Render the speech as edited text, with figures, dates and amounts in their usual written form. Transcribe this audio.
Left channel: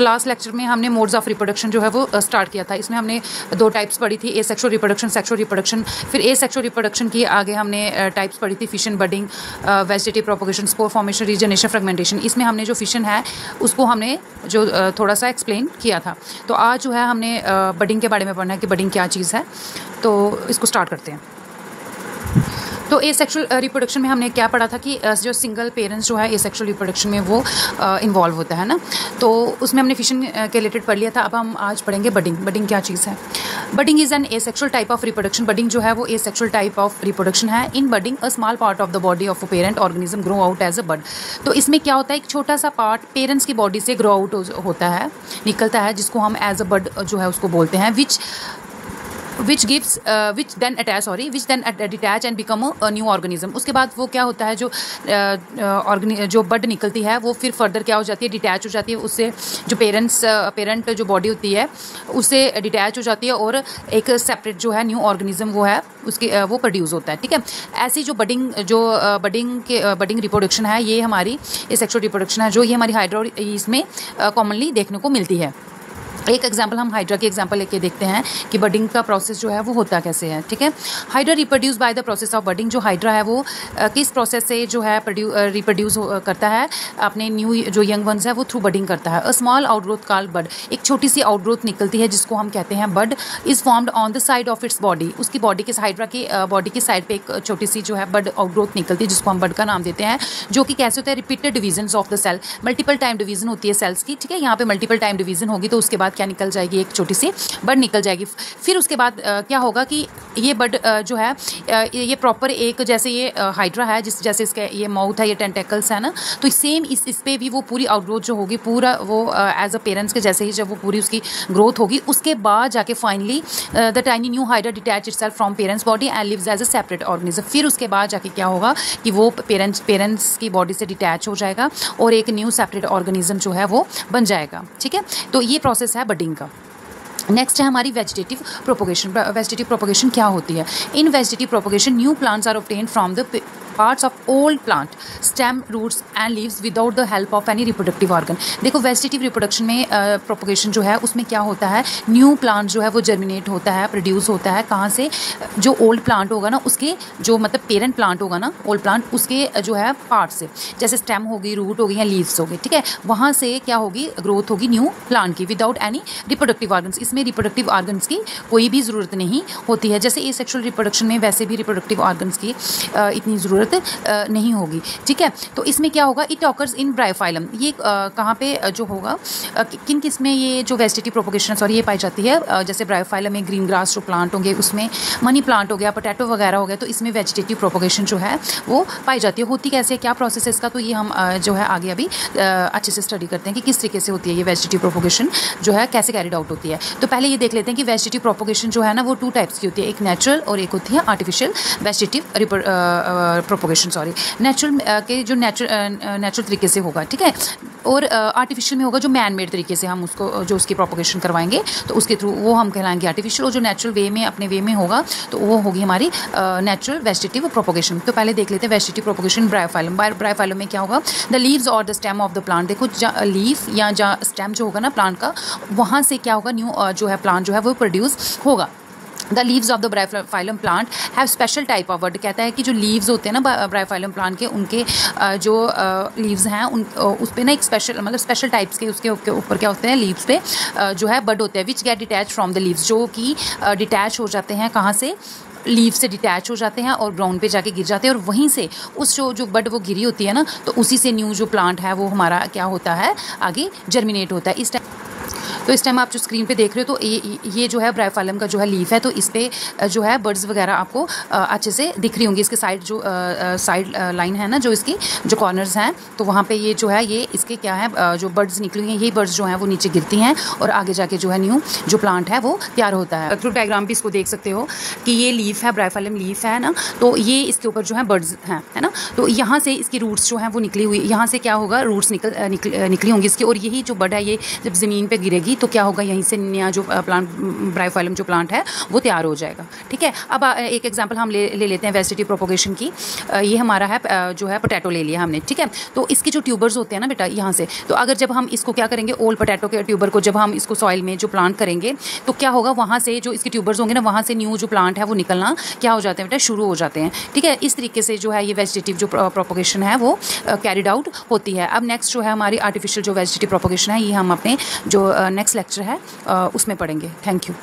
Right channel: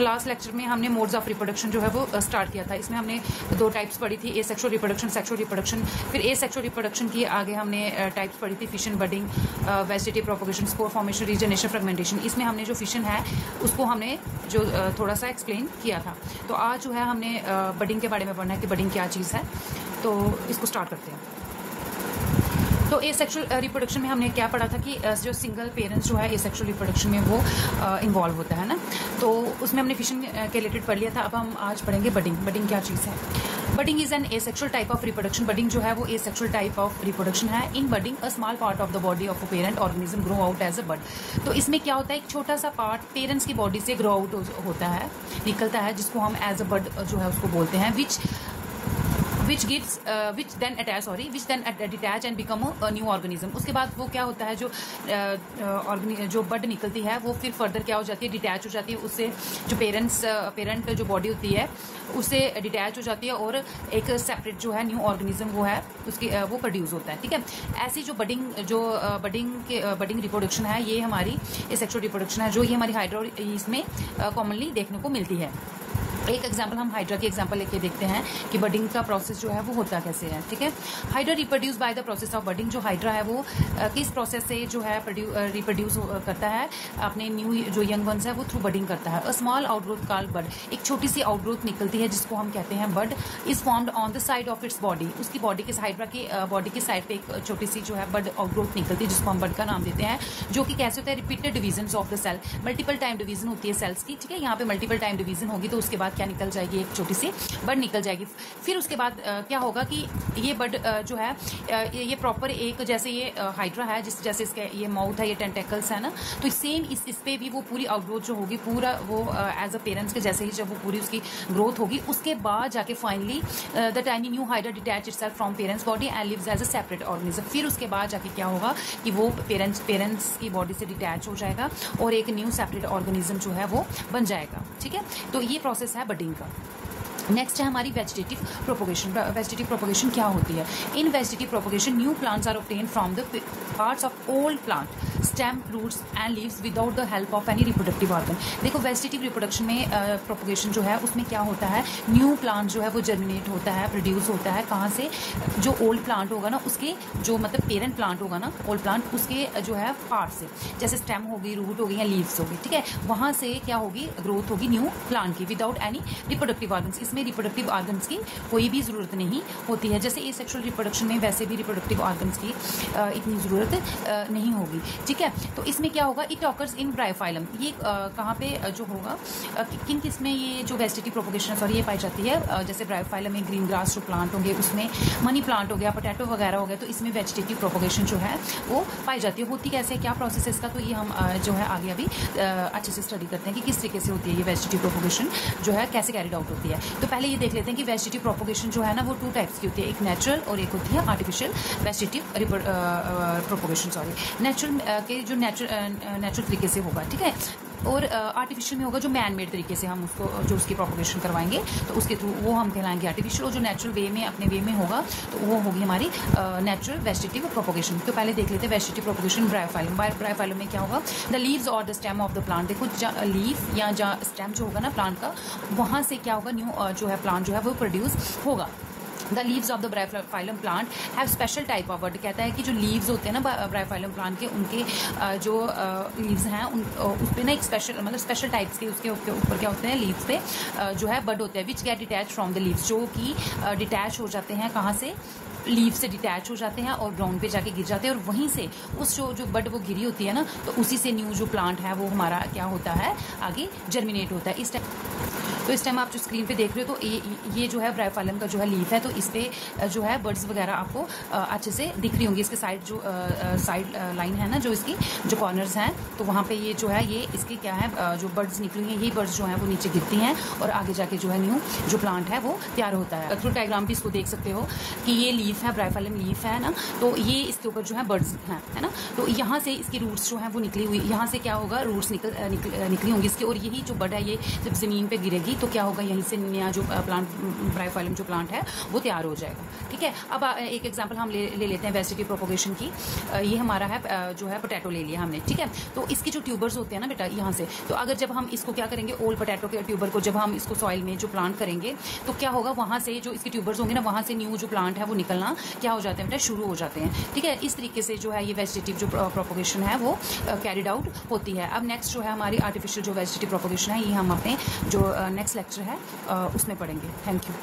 तो last lecture में हमने मोड्स ऑफ रिप्रोडक्शन जो है वो स्टार्ट किया था। इसमें हमने 2 टाइप्स पढ़ी थी, एसेक्सुअल रिप्रोडक्शन, सेक्सुअल रिप्रोडक्शन। फिर एसेक्सुअल रिप्रोडक्शन की आगे हमने टाइप्स पढ़ी थी, fission, budding, vegetative propagation, spore formation, regeneration, fragmentation. इसमें हमने जो फिशन है उसको हमने जो थोड़ा सा एक्सप्लेन किया था। तो आज जो है हमने बडिंग के बारे में पढ़ना है कि बडिंग क्या चीज़ है। तो इसको स्टार्ट करते हैं। तो एसेक्सुअल रिप्रोडक्शन में हमने क्या पढ़ा था कि जो सिंगल पेरेंट्स जो है एसेक्सुअल रिप्रोडक्शन में वो इन्वॉल्व होता है ना। तो उसमें हमने फिशन के रिलेटेड पढ़ लिया था। अब हम आज पढ़ेंगे बडिंग। बडिंग क्या चीज़ है? Budding is an asexual type of reproduction. Budding जो है वो एसेक्सुअल टाइप ऑफ रिप्रोडक्शन है। In budding a small part of the body of a parent organism grow out as a bud. तो इसमें क्या होता है, एक छोटा सा पार्ट पेरेंट्स की बॉडी से ग्रो आउट होता है, निकलता है, जिसको हम एज अ बड जो है उसको बोलते हैं। which then detach and become a new organism। उसके बाद वो क्या होता है, जो बड निकलती है वो फिर फर्दर क्या हो जाती है, डिटैच हो जाती है उससे। जो पेरेंट जो बॉडी होती है उससे डिटैच हो जाती है और एक सेपरेट जो है न्यू ऑर्गेनिज्म वो है उसके वो प्रोड्यूस होता है। ठीक है, ऐसी जो बडिंग रिप्रोडक्शन है ये हमारी सेक्सुअल रिप्रोडक्शन है, जो ये हमारी हाइड्रा इसमें कॉमनली देखने को मिलती है। एक एग्जाम्पल हम हाइड्रा की एग्जाम्पल लेके देखते हैं कि बडिंग का प्रोसेस जो है वो होता कैसे है। ठीक है, hydra reproduce by the process of budding. जो हाइड्रा है वो किस प्रोसेस से जो है रिप्रोड्यूस करता है अपने न्यू जो यंग वंस है वो थ्रू बडिंग करता है। अ स्मॉल आउटग्रोथ कॉल्ड बड। एक छोटी सी आउटग्रोथ निकलती है जिसको हम कहते हैं bud. Is formed on the side of its body. उसकी बॉडी के हाइड्रा की बॉडी की साइड पे एक छोटी सी जो है बड आउटग्रोथ निकलती है जिसको हम बड का नाम देते हैं। जो कि कैसे होता है, repeated division of the cell. Multiple time division होती है सेल्स की। ठीक है, यहाँ पे मल्टीपल टाइम डिवीजन होगी तो उसके बाद क्या निकल जाएगी, एक छोटी सी बड निकल जाएगी। फिर उसके बाद क्या होगा कि ये बड जो है ये प्रॉपर एक जैसे ये हाइड्रा है जैसे इसका ये माउथ है, ये टेंटेकल्स है ना, तो सेम इस पे भी वो पूरी आउटग्रोथ जो होगी पूरा वो एज अ पेरेंट्स के जैसे ही जब वो पूरी उसकी ग्रोथ होगी उसके बाद जाके finally the tiny new hydra detach itself from parent's body and lives as a separate organism. फिर उसके बाद जाके क्या होगा कि वो पेरेंट्स की बॉडी से डिटैच हो जाएगा और एक न्यू सेपरेट ऑर्गेनिज्म जो है वो बन जाएगा। ठीक है, तो ये प्रोसेस है बडिंग का। नेक्स्ट है हमारी वेजिटेटिव प्रोपोगेशन। वेजिटेटिव प्रोपोगेशन क्या होती है? In vegetative propagation new plants are obtained from the parts of old plant, stem, roots and leaves without the help of any reproductive organ. देखो vegetative reproduction में propagation जो है उसमें क्या होता है, न्यू प्लांट जो है वो जर्मिनेट होता है, प्रोड्यूस होता है। कहाँ से? जो ओल्ड प्लांट होगा ना उसके जो मतलब पेरेंट प्लांट होगा ना, ओल्ड प्लांट, उसके जो है पार्ट से, जैसे स्टेम होगी, रूट होगी या लीव्स होगी। ठीक है, वहाँ से क्या होगी, ग्रोथ होगी न्यू प्लांट की विदाउट एनी रिप्रोडक्टिव ऑर्गन्स। इसमें रिप्रोडक्टिव ऑर्गन्स की कोई भी ज़रूरत नहीं होती है। जैसे एसेक्सुअल रिप्रोडक्शन में वैसे भी रिप्रोडक्टिव ऑर्गन्स की इतनी ज़रूरत नहीं होगी। ठीक है, तो इसमें क्या होगा, इट ऑकर्स इन ब्रायोफाइलम। ये कहाँ पे जो होगा, किन किस में ये जो वेजिटेटिव प्रोपोगेशन ये पाई जाती है? जैसे ब्रायोफाइलम में ग्रीन ग्रास जो प्लांट होंगे, उसमें मनी प्लांट हो गया, पोटैटो वगैरह हो गया, तो इसमें वेजिटेटिव प्रोपोगेशन जो है वो पाई जाती है। होती कैसे, क्या प्रोसेस है इसका, तो ये हम जो है आगे अभी अच्छे से स्टडी करते हैं कि किस तरीके से होती है ये वेजिटेटिव प्रोपोगेशन जो है कैसे कैरिड आउट होती है। तो पहले ये देख लेते हैं कि वेजिटेटिव प्रोपोगेशन जो है ना वो 2 टाइप्स की होती है, एक नेचुरल और एक होती है आर्टिफिशियल वेजिटेटिव प्रोपोगेशन। नेचुरल के जो नेचुरल तरीके से होगा, ठीक है, और आर्टिफिशियल में होगा जो मैन मेड तरीके से हम उसको जो उसकी प्रोपोगेशन करवाएंगे तो उसके थ्रू वो हम कहलाएंगे आर्टिफिशियल। और जो नेचुरल वे में अपने वे में होगा तो वो होगी हमारी नेचुरल वेजिटेटिव प्रोपोगेशन। तो पहले देख लेते हैं वेजिटेटिव प्रोपोगेशन ब्रायोफाइलम। ब्रायोफाइलम में क्या होगा, द लीव्स और the stem of the plant. देखो लीफ या जहाँ स्टेम जो होगा ना प्लांट का, वहाँ से क्या होगा, न्यू जो है प्लांट जो है वो प्रोड्यूस होगा। The leaves of the Bryophyllum plant have special type of, word कहता है कि जो लीव्स होते हैं ना ब्रायोफाइलम प्लांट के, उनके जो लीव्स हैं उस पर ना एक स्पेशल टाइप्स के उसके ऊपर क्या होते हैं, लीव्स पे जो है बड होते हैं, which get detach from the leaves, जो कि डिटैच हो जाते हैं कहाँ से, लीव से डिटैच हो जाते हैं और ग्राउंड पे जाके गिर जाते हैं। और वहीं से उस जो बड वो गिरी होती है ना, तो उसी से न्यू जो प्लांट है वो हमारा क्या होता है, आगे जर्मिनेट होता है। इस टाइम आप जो स्क्रीन पे देख रहे हो तो ये जो है ब्रायोफाइलम का जो है लीफ है, तो इस पे जो है बर्ड्स वगैरह आपको अच्छे से दिख रही होंगी। इसके साइड जो साइड लाइन है ना, जो इसकी जो कॉर्नर्स हैं, तो वहाँ पे ये जो है ये इसके क्या है, जो बर्ड्स निकली हुई हैं, ये बर्ड्स जो हैं वो नीचे गिरती हैं और आगे जाके जो है न्यू जो प्लांट है वो तैयार होता है। थ्रू डायग्राम भी इसको देख सकते हो कि ये लीफ है, ब्रायोफाइलम लीफ है ना, तो ये इसके ऊपर जो है बर्ड्स हैं, है ना, तो यहाँ से इसकी रूट्स जो हैं वो निकली हुई, यहाँ से क्या होगा, रूट्स निकली होंगी इसकी, और यही जो बड है ये जब ज़मीन पर गिरेगी तो क्या होगा, यहीं से नया जो प्लांट ब्रायोफाइलम जो प्लांट है वो तैयार हो जाएगा। ठीक है, अब एक एग्जांपल हम ले लेते हैं वेजिटेटिव प्रोपोगेशन की। ये हमारा है जो है पोटैटो ले लिया हमने। ठीक है, तो इसके जो ट्यूबर्स होते हैं ना बेटा यहाँ से, तो अगर जब हम इसको क्या करेंगे, ओल्ड पोटैटो के ट्यूबर को जब हम इसको सॉइल में जो प्लांट करेंगे तो क्या होगा, वहाँ से जो इसके ट्यूबर्स होंगे ना, वहाँ से न्यू जो प्लांट है वो निकलना क्या हो जाते हैं बेटा, शुरू हो जाते हैं। ठीक है, इस तरीके से जो है ये वेजिटेटिव जो प्रोपोगेशन है वो कैरिड आउट होती है। अब नेक्स्ट जो है हमारी आर्टिफिशियल जो वेजिटेटिव प्रोपोगेशन है, ये हम अपने जो नेक्स्ट लेक्चर है उसमें पढ़ेंगे। Thank you.